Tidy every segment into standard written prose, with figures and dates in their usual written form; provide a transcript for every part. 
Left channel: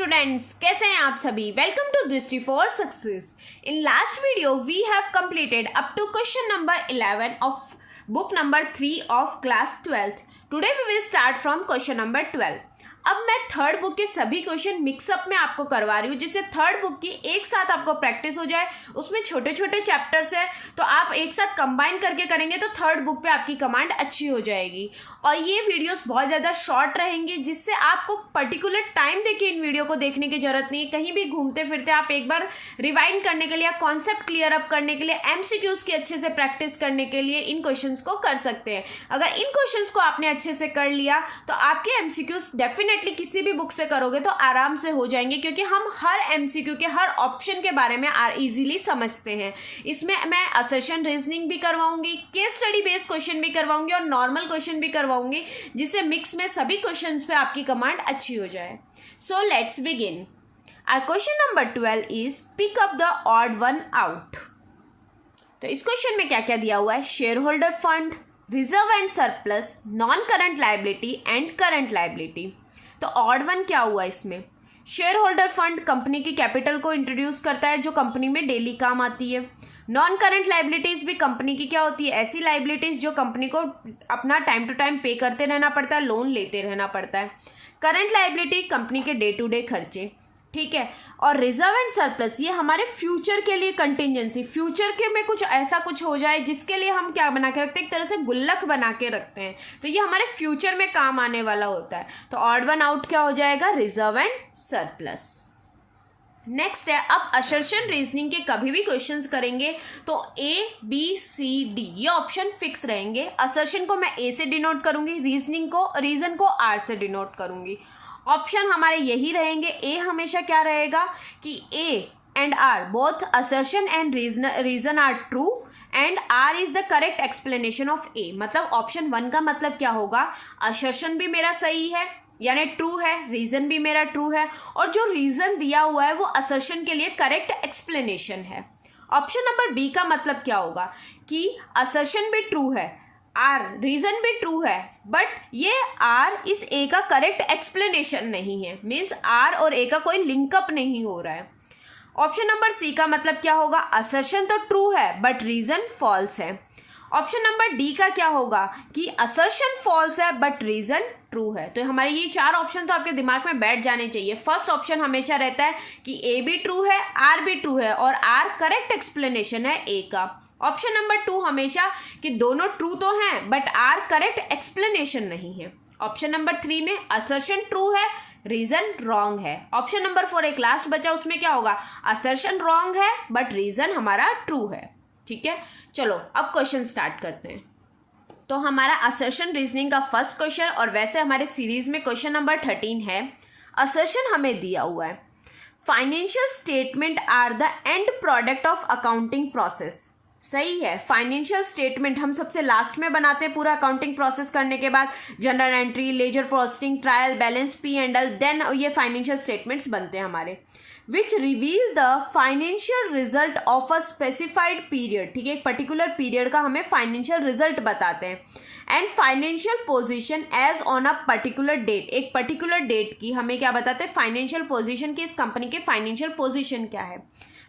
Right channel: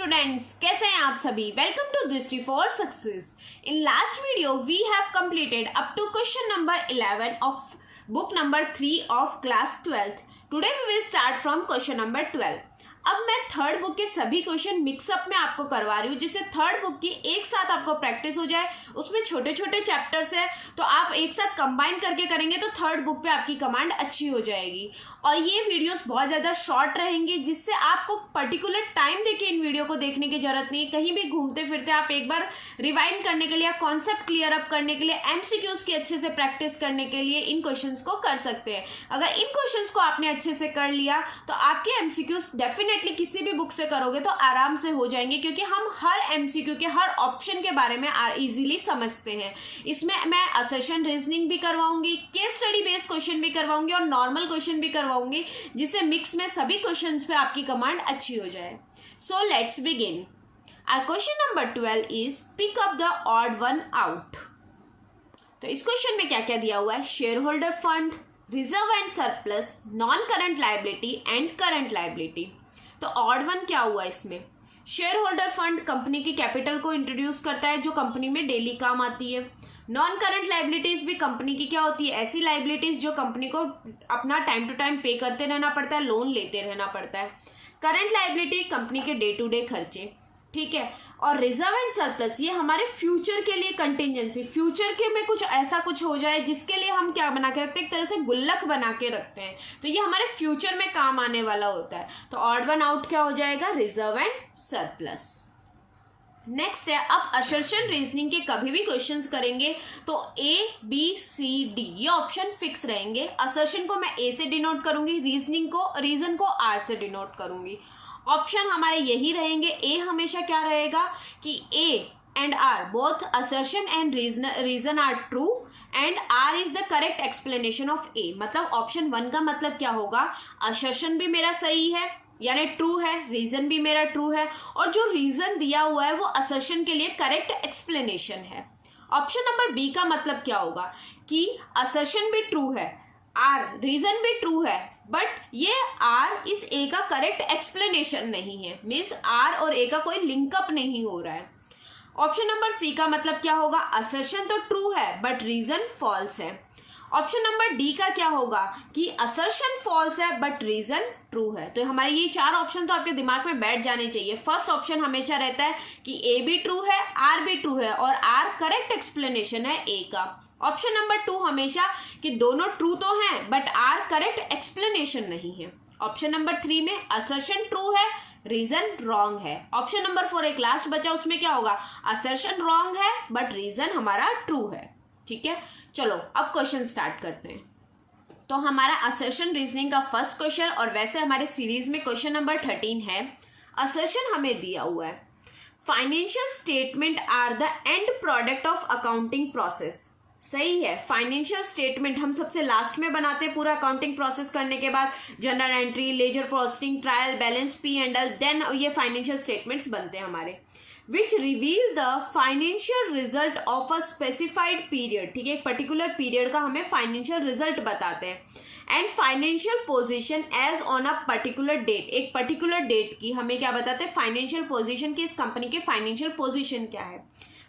Students, कैसे हैं आप सभी। Welcome to Drishti for success. In last video we have completed up to question number 11 of book number 3 of class 12th। Today we will start from question number 12। अब मैं third book के सभी question mix up में आपको करवा रही हूँ, जिससे थर्ड बुक की एक साथ आपको प्रैक्टिस हो जाए। उसमें छोटे छोटे चैप्टर्स है, तो आप एक साथ कंबाइन करके करेंगे तो थर्ड बुक पे आपकी कमांड अच्छी हो जाएगी। और ये वीडियोस बहुत ज़्यादा शॉर्ट रहेंगे, जिससे आपको पर्टिकुलर टाइम देके इन वीडियो को देखने की जरूरत नहीं है। कहीं भी घूमते फिरते आप एक बार रिवाइंड करने के लिए, कॉन्सेप्ट क्लियर अप करने के लिए, एमसीक्यूज की अच्छे से प्रैक्टिस करने के लिए इन क्वेश्चंस को कर सकते हैं। अगर इन क्वेश्चंस को आपने अच्छे से कर लिया तो आपके एमसीक्यूज डेफिनेटली किसी भी बुक से करोगे तो आराम से हो जाएंगे, क्योंकि हम हर एमसीक्यू के हर ऑप्शन के बारे में इजीली समझते हैं। इसमें मैं असर्शन रीजनिंग भी करवाऊंगी, केस स्टडी बेस्ड क्वेश्चन भी करवाऊंगी और नॉर्मल क्वेश्चन भी करवाऊंगी, जिससे मिक्स में सभी क्वेश्चंस पे आपकी कमांड अच्छी हो जाए। So let's begin. Our question number 12 is pick up the odd one out. तो इस क्वेश्चन में क्या क्या दिया हुआ है? Share holder fund, reserve and surplus, non current liability and current liability. तो ऑड वन क्या हुआ इसमें? शेयर होल्डर फंड कंपनी की कैपिटल को इंट्रोड्यूस करता है जो कंपनी में डेली काम आती है। नॉन करंट लाइबिलिटीज भी कंपनी की क्या होती है? ऐसी लाइबिलिटीज जो कंपनी को अपना टाइम टू टाइम पे करते रहना पड़ता है, लोन लेते रहना पड़ता है। करंट लाइबिलिटी कंपनी के डे टू डे खर्चे, ठीक है। और रिजर्व एंड सरप्लस ये हमारे फ्यूचर के लिए कंटिजेंसी, फ्यूचर के में कुछ ऐसा कुछ हो जाए जिसके लिए हम क्या बना के रखते हैं, एक तरह से गुल्लक बना के रखते हैं, तो ये हमारे फ्यूचर में काम आने वाला होता है। तो ऑड वन आउट क्या हो जाएगा? Reserve and surplus. नेक्स्ट है, अब असर्शन रीजनिंग के कभी भी क्वेश्चंस करेंगे तो ए बी सी डी ये ऑप्शन फिक्स रहेंगे। असर्शन को मैं ए से डिनोट करूंगी, रीजन को आर से डिनोट करूंगी। ऑप्शन हमारे यही रहेंगे। ए हमेशा क्या रहेगा कि A and R both assertion and reason are true and R is the correct explanation of A. मतलब ऑप्शन 1 का मतलब क्या होगा? असर्शन भी मेरा सही है यानी ट्रू है, रीजन भी मेरा ट्रू है, और जो रीजन दिया हुआ है वो असर्शन के लिए करेक्ट एक्सप्लेनेशन है। ऑप्शन नंबर बी का मतलब क्या होगा कि असर्शन भी ट्रू है, आर रीजन भी ट्रू है, बट ये आर इस ए का करेक्ट एक्सप्लेनेशन नहीं है, मीन्स आर और ए का कोई लिंकअप नहीं हो रहा है। ऑप्शन नंबर सी का मतलब क्या होगा? असर्शन तो ट्रू है बट रीजन फॉल्स है। ऑप्शन नंबर डी का क्या होगा कि असर्शन फॉल्स है बट रीजन ट्रू है। तो हमारे ये 4 ऑप्शन तो आपके दिमाग में बैठ जाने चाहिए। फर्स्ट ऑप्शन हमेशा रहता है कि ए भी ट्रू है, आर भी ट्रू है, और आर करेक्ट एक्सप्लेनेशन है ए का। ऑप्शन नंबर 2 हमेशा कि दोनों ट्रू तो हैं बट आर करेक्ट एक्सप्लेनेशन नहीं है। ऑप्शन नंबर 3 में असर्शन ट्रू है, रीजन रॉन्ग है। ऑप्शन नंबर 4 एक लास्ट बचा, उसमें क्या होगा? असर्शन रॉन्ग है बट रीजन हमारा ट्रू है। ठीक है, चलो अब क्वेश्चन स्टार्ट करते हैं। तो हमारा असर्शन रीजनिंग का फर्स्ट क्वेश्चन, और वैसे हमारे सीरीज में क्वेश्चन नंबर 13 है। असर्शन हमें दिया हुआ है, financial statement are the end product of accounting process. सही है, फाइनेंशियल स्टेटमेंट हम सबसे लास्ट में बनाते हैं पूरा अकाउंटिंग प्रोसेस करने के बाद। General entry, ledger posting, trial balance, P and L, then ये फाइनेंशियल स्टेटमेंट्स बनते हैं हमारे। Which reveal the financial result of a specified period. ठीक है, एक पर्टिकुलर पीरियड का हमें फाइनेंशियल रिजल्ट बताते हैं। And financial position as on a particular date, एक पर्टिकुलर डेट की हमें क्या बताते हैं? फाइनेंशियल पोजीशन की, इस कंपनी के फाइनेंशियल पोजीशन क्या है।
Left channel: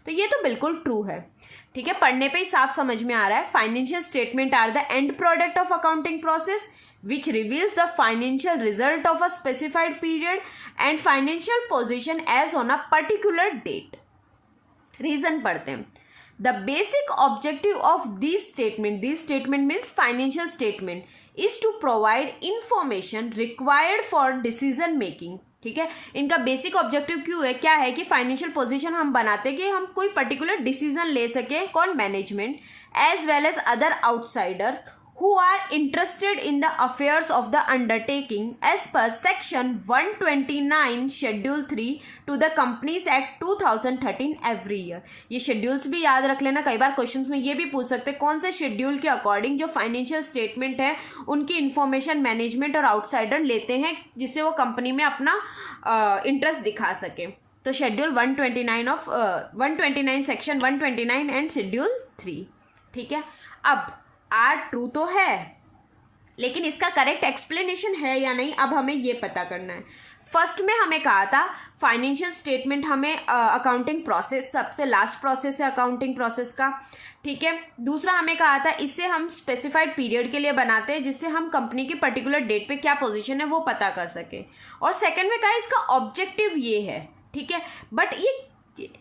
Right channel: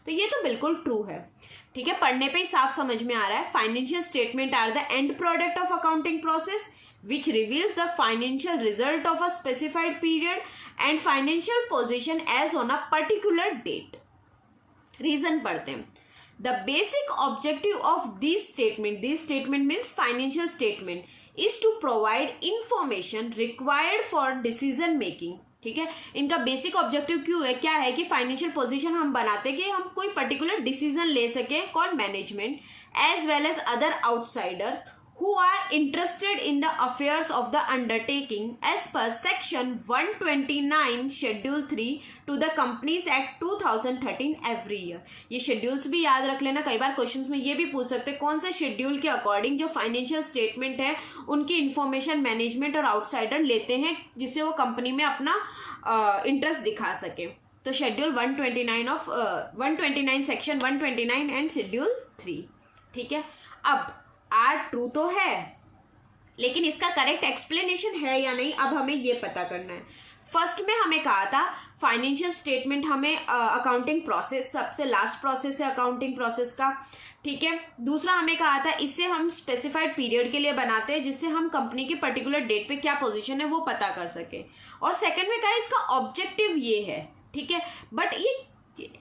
तो ये तो बिल्कुल ट्रू है। ठीक है, पढ़ने पे ही साफ समझ में आ रहा है। Financial statement are the end product of accounting process which reveals the financial result of a specified period and financial position as on a particular date. Reason पढ़ते हैं। The basic objective of these statement means financial statement, is to provide information required for decision making. ठीक है, इनका basic objective क्यों है, क्या है कि फाइनेंशियल पोजीशन हम बनाते हैं कि हम कोई पर्टिकुलर डिसीजन ले सके, कौन? Management, as well as other outsider who are interested in the affairs of the undertaking as per section 129 schedule 3 to the companies act 2013 every year। ये शेड्यूल्स भी याद रख लेना, कई बार क्वेश्चंस में ये भी पूछ सकते हैं कौन से शेड्यूल के अकॉर्डिंग जो फाइनेंशियल स्टेटमेंट है उनकी इंफॉर्मेशन मैनेजमेंट और आउटसाइडर लेते हैं, जिससे वो कंपनी में अपना इंटरेस्ट दिखा सके। तो शेड्यूल 129 सेक्शन 129 एंड शेड्यूल 3। ठीक है, अब आर ट्रू तो है, लेकिन इसका करेक्ट एक्सप्लेनेशन है या नहीं, अब हमें ये पता करना है। फर्स्ट में हमें कहा था फाइनेंशियल स्टेटमेंट हमें अकाउंटिंग प्रोसेस सबसे लास्ट प्रोसेस है अकाउंटिंग प्रोसेस का, ठीक है। दूसरा हमें कहा था इससे हम स्पेसिफाइड पीरियड के लिए बनाते हैं जिससे हम कंपनी की पर्टिकुलर डेट पे क्या पोजीशन है वो पता कर सके। और सेकंड में कहा इसका ऑब्जेक्टिव ये है, ठीक है। बट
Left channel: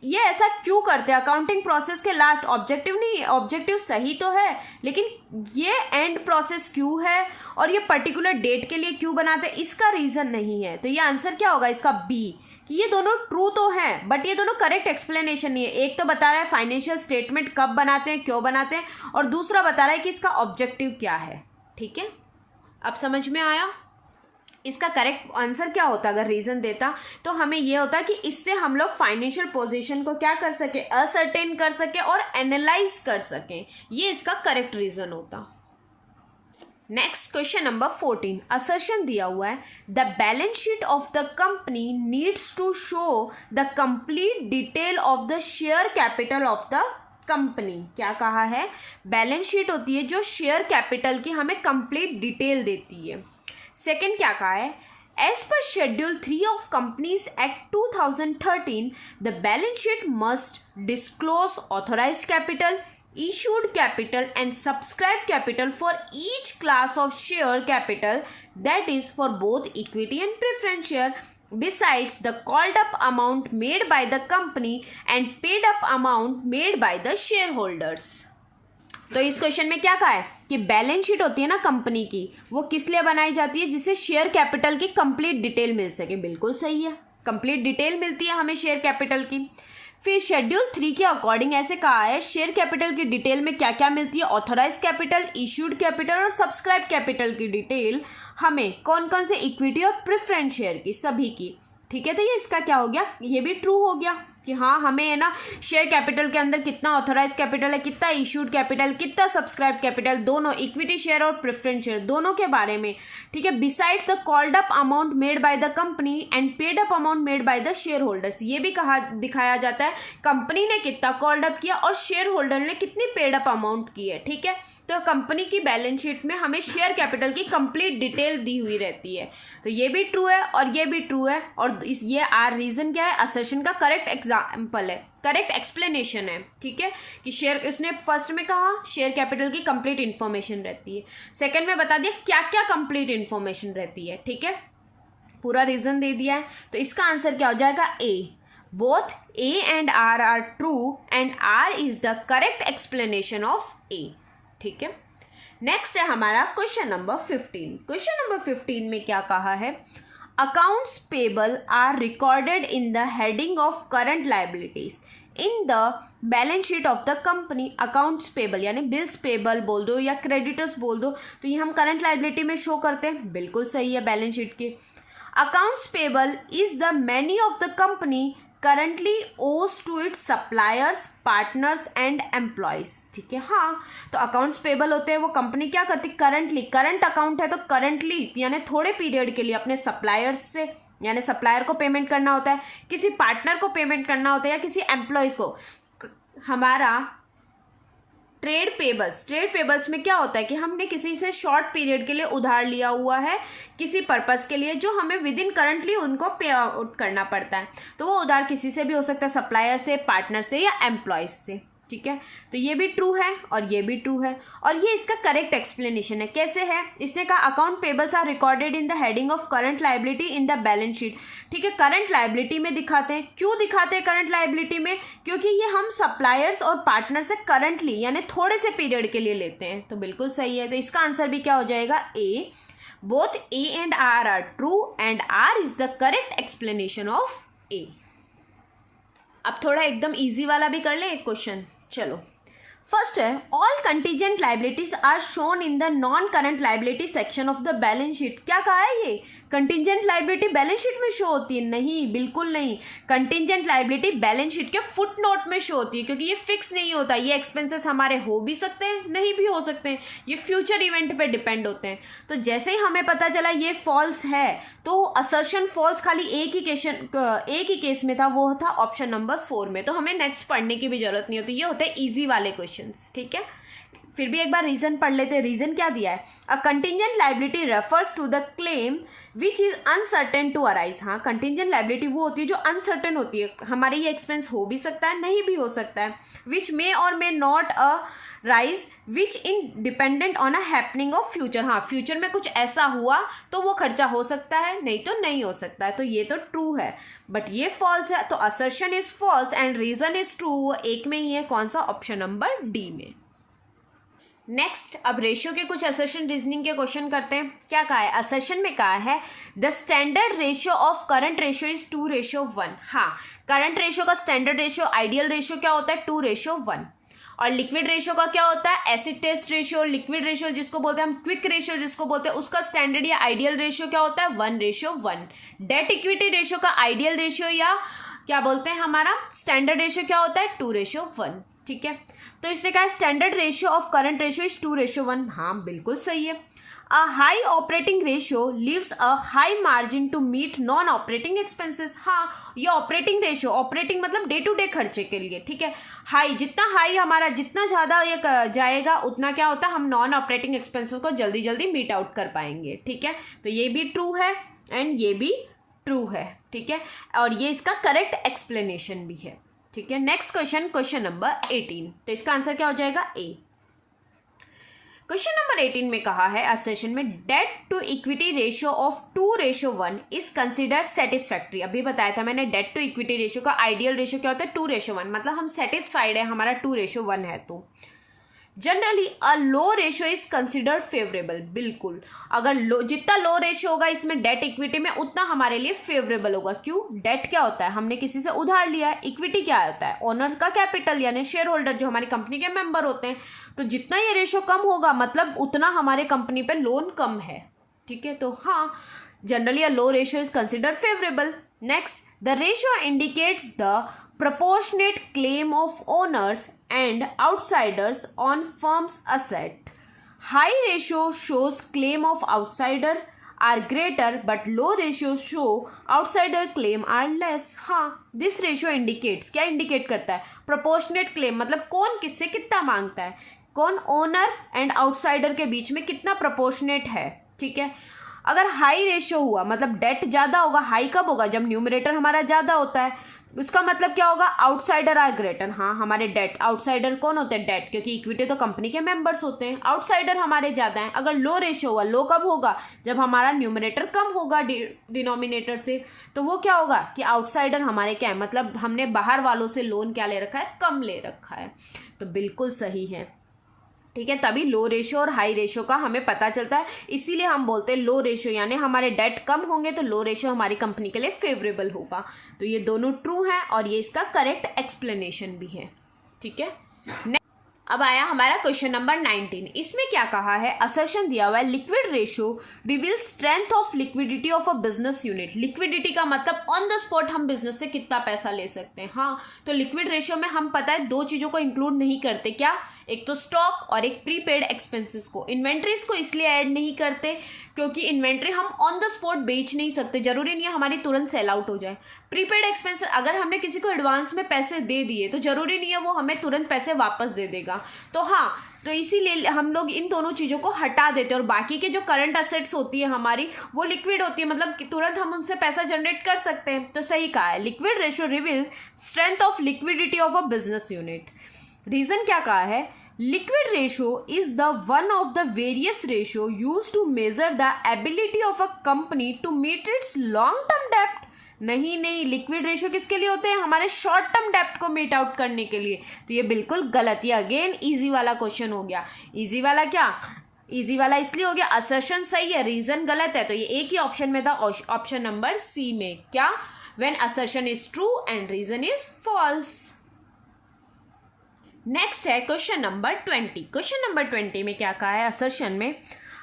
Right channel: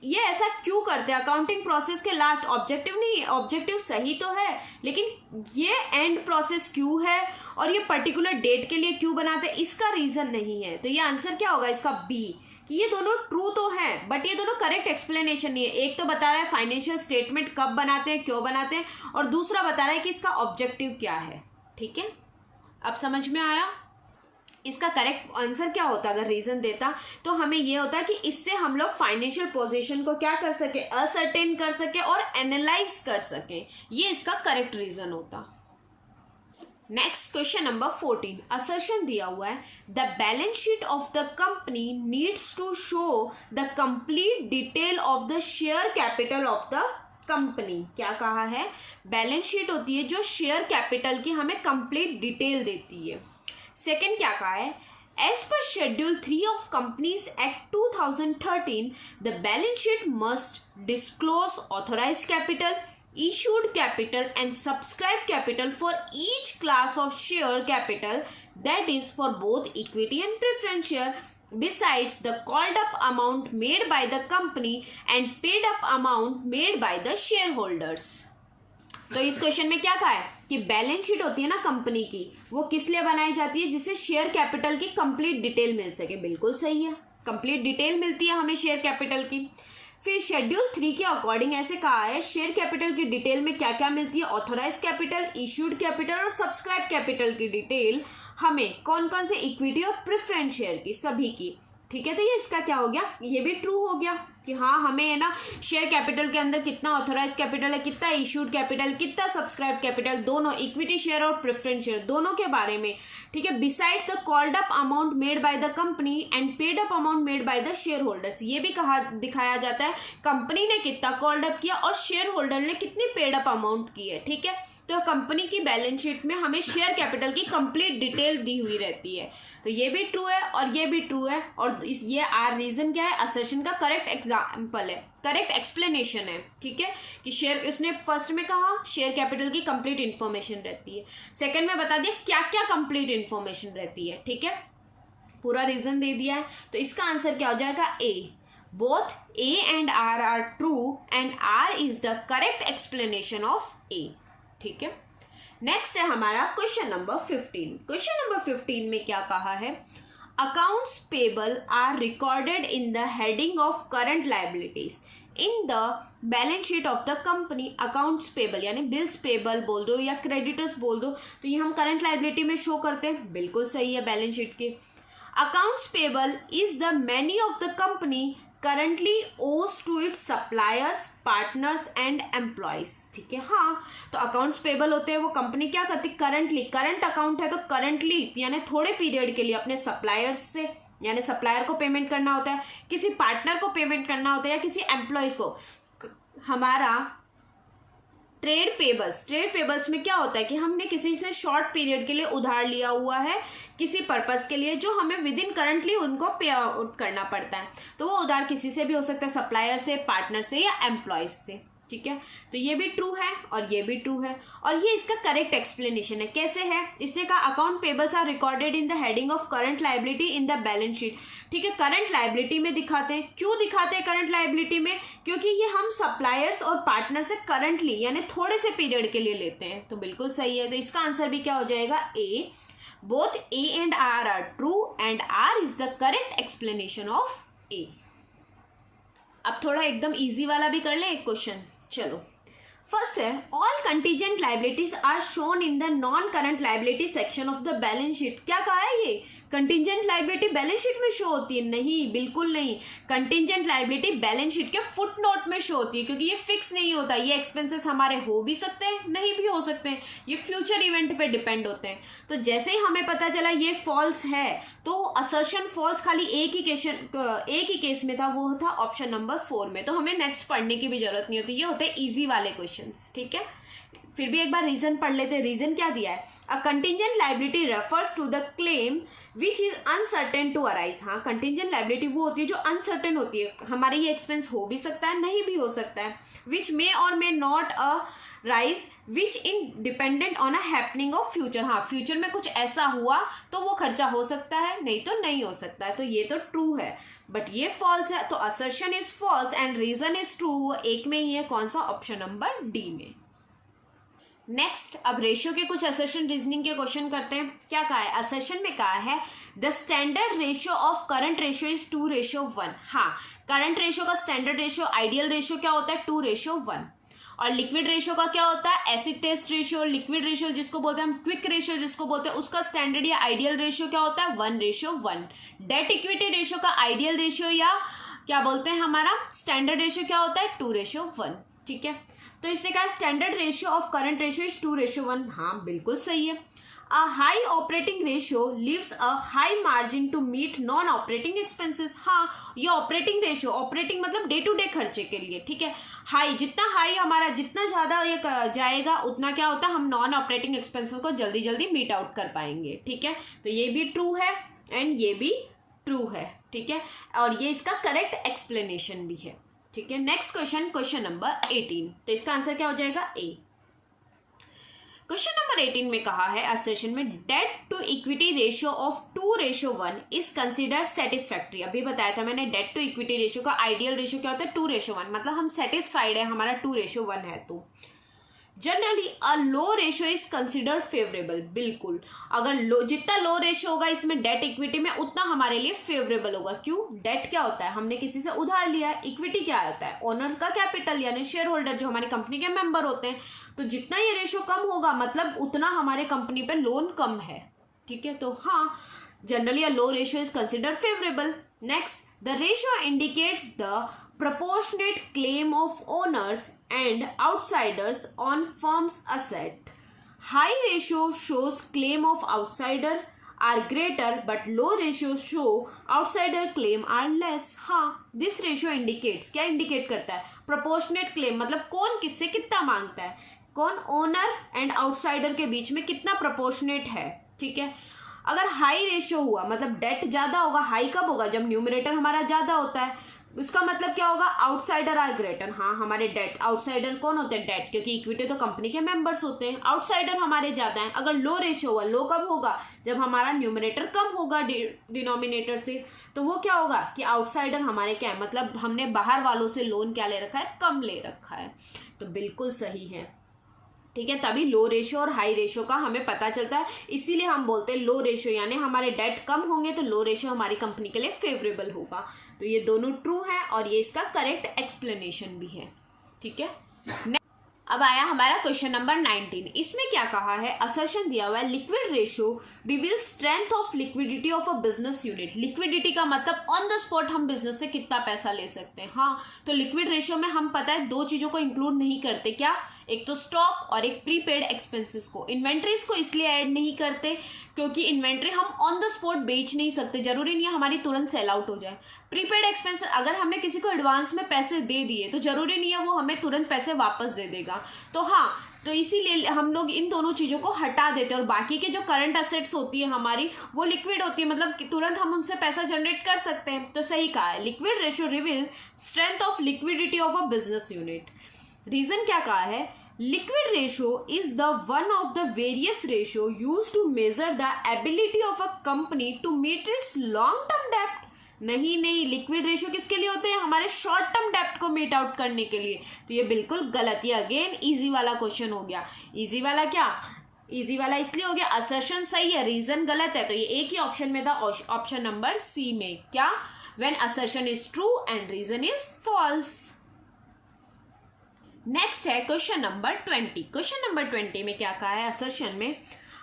ये ऐसा क्यों करते हैं अकाउंटिंग प्रोसेस के लास्ट? ऑब्जेक्टिव नहीं, ऑब्जेक्टिव सही तो है लेकिन ये एंड प्रोसेस क्यों है और ये पर्टिकुलर डेट के लिए क्यों बनाते हैं, इसका रीजन नहीं है। तो ये आंसर क्या होगा इसका? बी, कि ये दोनों ट्रू तो हैं बट ये दोनों करेक्ट एक्सप्लेनेशन नहीं है। एक तो बता रहा है फाइनेंशियल स्टेटमेंट कब बनाते हैं, क्यों बनाते हैं, और दूसरा बता रहा है कि इसका ऑब्जेक्टिव क्या है, ठीक है। अब समझ में आया? इसका करेक्ट आंसर क्या होता अगर रीजन देता? तो हमें यह होता कि इससे हम लोग फाइनेंशियल पोजीशन को क्या कर सके, असर्टेन कर सके और एनालाइज कर सके, ये इसका करेक्ट रीजन होता। नेक्स्ट क्वेश्चन नंबर 14 असर्शन दिया हुआ है the balance sheet of the company needs to show the complete detail of the share capital of the company. क्या कहा है? बैलेंस शीट होती है जो शेयर कैपिटल की हमें कंप्लीट डिटेल देती है। सेकंड क्या कहा है? As per schedule 3 of companies act 2013 the balance sheet must disclose authorise capital, issued capital and subscribed capital for each class of share capital, that is for both equity and preference share, besides the called up amount made by the company and paid up amount made by the shareholders। तो इस क्वेश्चन में क्या कहा है कि balance sheet होती है ना कंपनी की, वो किस लिए बनाई जाती है? जिससे शेयर कैपिटल की कंप्लीट डिटेल मिल सके। बिल्कुल सही है, कंप्लीट डिटेल मिलती है हमें शेयर कैपिटल की। फिर शेड्यूल 3 के अकॉर्डिंग ऐसे कहा है शेयर कैपिटल की डिटेल में क्या क्या मिलती है? ऑथोराइज कैपिटल, इश्यूड कैपिटल और सब्सक्राइब कैपिटल की डिटेल हमें कौन कौन से इक्विटी और प्रेफरेंस शेयर की, सभी की, ठीक है। तो ये इसका क्या हो गया? ये भी ट्रू हो गया कि हाँ हमें है ना शेयर कैपिटल के अंदर कितना ऑथोराइज कैपिटल है, कितना इश्यूड कैपिटल, कितना सब्सक्राइब कैपिटल, दोनों इक्विटी शेयर और प्रेफरेंस शेयर दोनों के बारे में, ठीक है। Besides the called up amount made by the company and paid up amount made by the share holders, ये भी कहा दिखाया जाता है कंपनी ने कितना कॉल्ड अप किया और शेयर होल्डर ने कितनी पेड अप अमाउंट की है, ठीक है। तो कंपनी की बैलेंस शीट में हमें शेयर कैपिटल की कंप्लीट डिटेल दी हुई रहती है। तो ये भी ट्रू है और ये भी ट्रू है और ये आर रीजन क्या है? असर्शन का करेक्ट एग्जाम्पल है, करेक्ट एक्सप्लेनेशन है, ठीक है। कि शेयर, उसने फर्स्ट में कहा शेयर कैपिटल की कंप्लीट इन्फॉर्मेशन रहती है, सेकंड में बता दिया क्या क्या कंप्लीट इन्फॉर्मेशन रहती है, ठीक है। पूरा रीजन दे दिया है। तो इसका आंसर क्या हो जाएगा? A. Both A and R are true and R is the correct explanation of A, ठीक है। नेक्स्ट है हमारा क्वेश्चन नंबर 15। क्वेश्चन नंबर 15 में क्या कहा है? Accounts payable are recorded in the heading of current liabilities in the balance sheet of the company. Accounts payable यानी bills payable बोल दो या क्रेडिटर्स बोल दो, तो ये हम करंट लाइबिलिटी में शो करते हैं। बिल्कुल सही है बैलेंस शीट के। Accounts payable is the money of the company currently owes to its suppliers, partners and employees, ठीक है। हाँ, तो अकाउंट्स पेबल होते हैं वो कंपनी क्या करती? करंटली, करंट अकाउंट है तो करंटली यानी थोड़े पीरियड के लिए अपने सप्लायर्स से, यानी सप्लायर को पेमेंट करना होता है, किसी पार्टनर को पेमेंट करना होता है या किसी एम्प्लॉयज को। हमारा ट्रेड पेबल्स में क्या होता है कि हमने किसी से शॉर्ट पीरियड के लिए उधार लिया हुआ है किसी पर्पस के लिए, जो हमें विद इन करंटली उनको पे आउट करना पड़ता है। तो वो उधार किसी से भी हो सकता है, सप्लायर से, पार्टनर से या एम्प्लॉयज से, ठीक है। तो ये भी ट्रू है और ये भी ट्रू है और ये इसका करेक्ट एक्सप्लेनेशन है। कैसे है? इसने कहा account payables are recorded in the heading of current liability in the balance sheet, ठीक है। करंट लायबिलिटी में दिखाते हैं। क्यों दिखाते हैं करंट लायबिलिटी में? क्योंकि ये हम सप्लायर्स और पार्टनर से करंटली यानी थोड़े से पीरियड के लिए लेते हैं। तो बिल्कुल सही है। तो इसका आंसर भी क्या हो जाएगा? A. Both A and R are true and R is the correct explanation of A. अब थोड़ा एकदम इजी वाला भी कर ले एक क्वेश्चन। चलो, फर्स्ट है all contingent liabilities are shown in the non current liability section of the balance sheet. क्या कहा है? ये कंटीजेंट लाइबिलिटी बैलेंस शीट में शो होती है? नहीं, बिल्कुल नहीं। कंटीजेंट लाइबिलिटी बैलेंस शीट के फुट नोट में शो होती है क्योंकि ये फिक्स नहीं होता। ये एक्सपेंसेस हमारे हो भी सकते हैं, नहीं भी हो सकते हैं, ये फ्यूचर इवेंट पे डिपेंड होते हैं। तो जैसे ही हमें पता चला ये फॉल्स है तो असर्शन फॉल्स खाली एक ही केस में था, वो था ऑप्शन नंबर 4 में। तो हमें नेक्स्ट पढ़ने की भी जरूरत नहीं होती। ये होते हैं ईजी वाले क्वेश्चन, ठीक है। फिर भी एक बार रीजन पढ़ लेते हैं। रीजन क्या दिया है, a contingent liability refers to the claim which is uncertain to arise. हाँ, कंटिंजेंट लाइबिलिटी वो होती है जो अनसर्टेन होती है, हमारे ये एक्सपेंस हो भी सकता है नहीं भी हो सकता है, विच मे और may not a rise which in dependent on a happening of future. हाँ, फ्यूचर में कुछ ऐसा हुआ तो वो खर्चा हो सकता है, नहीं तो नहीं हो सकता है, तो ये तो ट्रू है, बट ये फॉल्स है, तो assertion is false and reason is true. वो एक में ही है, कौन सा, ऑप्शन नंबर डी में। नेक्स्ट, अब रेशियो के कुछ असर्शन रीजनिंग के क्वेश्चन करते हैं। क्या कहा है, असर्शन में कहा है the standard ratio of current ratio is 2:1। हाँ, करंट रेशियो का स्टैंडर्ड रेशियो, आइडियल रेशियो क्या होता है, 2:1। और लिक्विड रेशियो का क्या होता है, acid test ratio. Liquid ratio जिसको बोलते हैं हम, क्विक रेशियो जिसको बोलते हैं, उसका स्टैंडर्ड या आइडियल रेशियो क्या होता है, 1:1। डेट इक्विटी रेशियो का आइडियल रेशियो या क्या बोलते हैं हमारा स्टैंडर्ड रेशियो क्या होता है, 2:1। ठीक है, तो इसने कहा standard ratio of current ratio is 2:1। हाँ, बिल्कुल सही है। A high operating ratio leaves a high margin to meet non-operating expenses। हाँ, ये ऑपरेटिंग रेशियो, ऑपरेटिंग मतलब डे टू डे खर्चे के लिए, ठीक है। हाई, जितना हाई हमारा, जितना ज़्यादा ये जाएगा उतना क्या होता है, हम नॉन ऑपरेटिंग एक्सपेंसेस को जल्दी जल्दी मीट आउट कर पाएंगे। ठीक है, तो ये भी ट्रू है एंड ये भी ट्रू है। ठीक है, और ये इसका करेक्ट एक्सप्लेनेशन भी है। ठीक है, नेक्स्ट क्वेश्चन, क्वेश्चन नंबर 18। तो इसका आंसर क्या हो जाएगा, ए। क्वेश्चन नंबर 18 में कहा है असर्शन में debt to equity ratio of 2:1 is consider satisfactory. अभी बताया था मैंने, डेट टू इक्विटी रेशियो का आइडियल रेशियो क्या होता है, 2:1, मतलब हम सेटिस्फाइड है, हमारा 2:1 है। तो generally a low ratio is considered favourable. बिल्कुल, अगर जितना लो रेशियो होगा इसमें डेट इक्विटी में, उतना हमारे लिए फेवरेबल होगा। क्यों, डेट क्या होता है, हमने किसी से उधार लिया है। इक्विटी क्या होता है, ओनर्स का कैपिटल यानी शेयर होल्डर जो हमारी कंपनी के मेंबर होते हैं। तो जितना ये रेशियो कम होगा मतलब उतना हमारे कंपनी पे लोन कम है। ठीक है, तो हाँ, generally a low ratio is considered favourable. Next, the ratio indicates the proportionate claim of owners and outsiders on firm's asset. High ratio shows claim of outsider are greater but low ratio show outsider claim are less. हाँ, this ratio indicates, क्या indicate करता है, proportionate claim मतलब कौन किससे कितना मांगता है, कौन ओनर एंड आउटसाइडर के बीच में कितना प्रोपोर्शनेट है। ठीक है, अगर हाई रेशियो हुआ मतलब डेट ज्यादा होगा। हाई कब होगा, जब न्यूमरेटर हमारा ज्यादा होता है। उसका मतलब क्या होगा, आउटसाइडर आर ग्रेटर। हाँ, हमारे डेट, आउटसाइडर कौन होते हैं, डेट, क्योंकि इक्विटी तो कंपनी के मेंबर्स होते हैं, आउटसाइडर हमारे ज्यादा हैं। अगर लो रेशियो हुआ, लो कब होगा, जब हमारा न्यूमरेटर कम होगा डिनोमिनेटर से, तो वो क्या होगा कि आउटसाइडर हमारे क्या है, मतलब हमने बाहर वालों से लोन क्या ले रखा है, कम ले रखा है। तो बिल्कुल सही है। ठीक है, तभी लो रेशियो और हाई रेशियो का हमें पता चलता है, इसीलिए हम बोलते हैं लो रेशियो, यानी हमारे डेट कम होंगे तो लो रेशियो हमारी कंपनी के लिए फेवरेबल होगा। तो ये दोनों ट्रू हैं और ये इसका करेक्ट एक्सप्लेनेशन भी है। ठीक है, अब आया हमारा क्वेश्चन नंबर 19। इसमें क्या कहा है, असर्शन दिया हुआ है liquid ratio reveal strength of liquidity of a business unit. Liquidity का मतलब ऑन द स्पॉट हम बिजनेस से कितना पैसा ले सकते हैं। हाँ, तो लिक्विड रेशियो में हम पता है दो चीजों को इंक्लूड नहीं करते, क्या, एक तो स्टॉक और एक प्रीपेड एक्सपेंसेस को। इन्वेंट्रीज को इसलिए ऐड नहीं करते क्योंकि इन्वेंट्री हम ऑन द स्पॉट बेच नहीं सकते, जरूरी नहीं है हमारी तुरंत सेल आउट हो जाए। प्रीपेड एक्सपेंसेस, अगर हमने किसी को एडवांस में पैसे दे दिए तो जरूरी नहीं है वो हमें तुरंत पैसे वापस दे देगा। तो हाँ, तो इसीलिए हम लोग इन दोनों चीजों को हटा देते हैं और बाकी के जो करंट असेट्स होती है हमारी वो लिक्विड होती है, मतलब तुरंत हम उनसे पैसा जनरेट कर सकते हैं। तो सही कहा है, liquid ratio reveal strength of liquidity of a business unit. Reason क्या कहा है, liquid ratio is the one of the various ratio used to measure the ability of a company to meet its long term debt। नहीं, liquid ratio किसके लिए होते हैं, हमारे short term डेप्ट को मीट आउट करने के लिए। तो ये बिल्कुल गलत, ये अगेन इजी वाला क्वेश्चन हो गया। इजी वाला क्या, इजी वाला इसलिए हो गया, असर्शन सही है, रीजन गलत है। तो ये एक ही ऑप्शन में था, ऑप्शन नंबर सी में, क्या, when assertion is true and reason is false. Next है क्वेश्चन नंबर 20। क्वेश्चन नंबर 20 में क्या कहा है, असर्शन में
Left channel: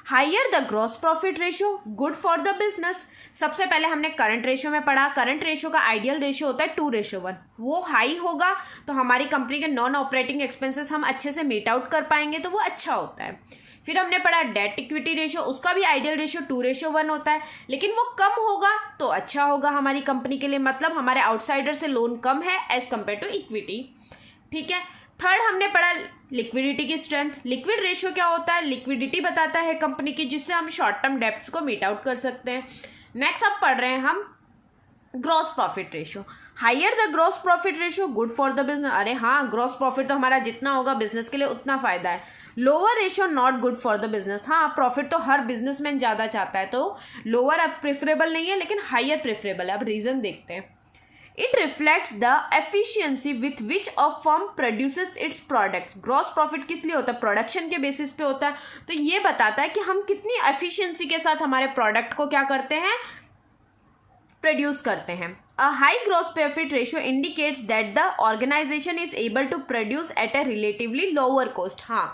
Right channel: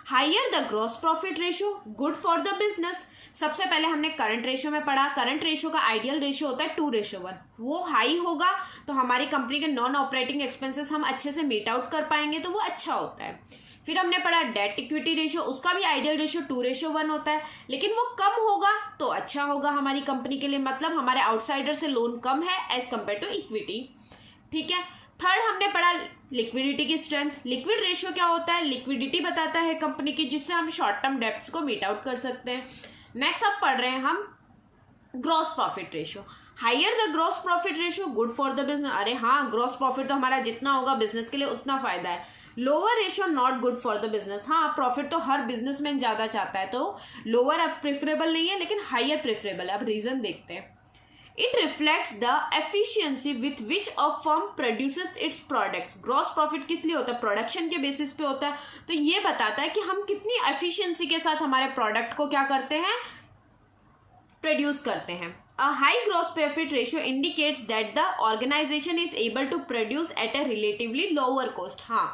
higher the gross profit ratio good for the business. सबसे पहले हमने करंट रेशियो में पढ़ा, करंट रेशियो का आइडियल रेशियो होता है 2:1। वो हाई होगा तो हमारी कंपनी के नॉन ऑपरेटिंग एक्सपेंसेस हम अच्छे से मीट आउट कर पाएंगे, तो वो अच्छा होता है। फिर हमने पढ़ा डेट इक्विटी रेशियो, उसका भी आइडियल रेशियो 2:1 होता है, लेकिन वो कम होगा तो अच्छा होगा हमारी कंपनी के लिए, मतलब हमारे आउटसाइडर से लोन कम है एज कंपेयर टू इक्विटी। ठीक है, थर्ड हमने पढ़ा लिक्विडिटी की स्ट्रेंथ। लिक्विड रेशियो क्या होता है? लिक्विडिटी बताता है कंपनी की, जिससे हम शॉर्ट टर्म डेब्ट्स को मीट आउट कर सकते हैं। नेक्स्ट अब पढ़ रहे हैं हम gross profit ratio. Higher the gross profit ratio good for the business. अरे हाँ, ग्रॉस प्रॉफिट तो हमारा जितना होगा बिजनेस के लिए उतना फायदा है। Lower ratio not good for the business. हाँ, प्रॉफिट तो हर बिजनेसमैन ज्यादा चाहता है, तो लोअर अब प्रेफरेबल नहीं है, लेकिन हायर प्रेफरेबल है। अब रीजन देखते हैं। It reflects the efficiency with which a firm produces its products. Gross profit किस लिए होता है? प्रोडक्शन के बेसिस पे होता है। तो ये बताता है कि हम कितनी एफिशिएंसी के साथ हमारे प्रोडक्ट को क्या करते हैं? प्रोड्यूस करते हैं। A high gross profit ratio indicates that the organization is able to produce at a relatively lower cost. हाँ,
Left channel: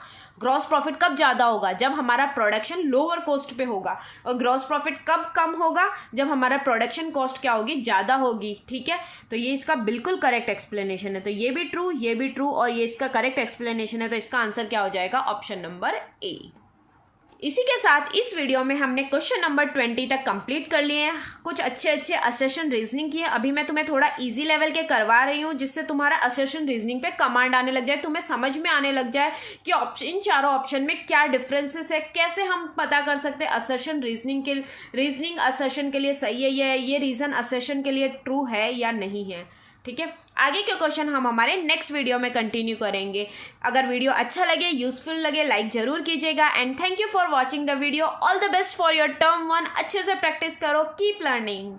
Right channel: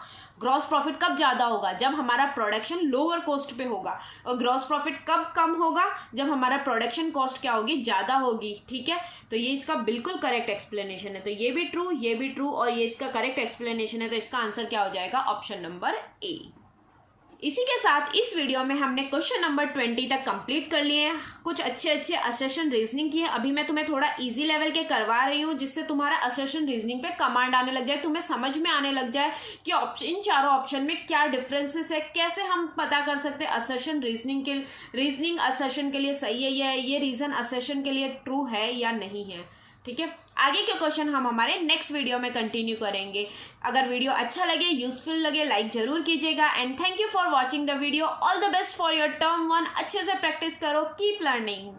ग्रॉस प्रॉफिट कब ज्यादा होगा? जब हमारा प्रोडक्शन लोअर कॉस्ट पे होगा। और ग्रॉस प्रॉफिट कब कम होगा? जब हमारा प्रोडक्शन कॉस्ट क्या होगी? ज्यादा होगी। ठीक है, तो ये इसका बिल्कुल करेक्ट एक्सप्लेनेशन है। तो ये भी ट्रू, ये भी ट्रू, और ये इसका करेक्ट एक्सप्लेनेशन है। तो इसका आंसर क्या हो जाएगा? Option number A. इसी के साथ इस वीडियो में हमने क्वेश्चन नंबर 20 तक कंप्लीट कर लिए हैं। कुछ अच्छे असर्शन रीजनिंग की है। अभी मैं तुम्हें थोड़ा इजी लेवल के करवा रही हूँ, जिससे तुम्हारा असर्शन रीजनिंग पे कमांड आने लग जाए, तुम्हें समझ में आने लग जाए कि इन चारों ऑप्शन में क्या डिफरेंसेस है, कैसे हम पता कर सकते हैं असर्शन रीजनिंग असर्शन के लिए सही है, ये रीजन असर्शन के लिए ट्रू है या नहीं है। ठीक है, आगे के क्वेश्चन हम हमारे नेक्स्ट वीडियो में कंटिन्यू करेंगे। अगर वीडियो अच्छा लगे, यूजफुल लगे, लाइक जरूर कीजिएगा। And thank you for watching the video. All the best for your term 1। अच्छे से प्रैक्टिस करो, कीप लर्निंग।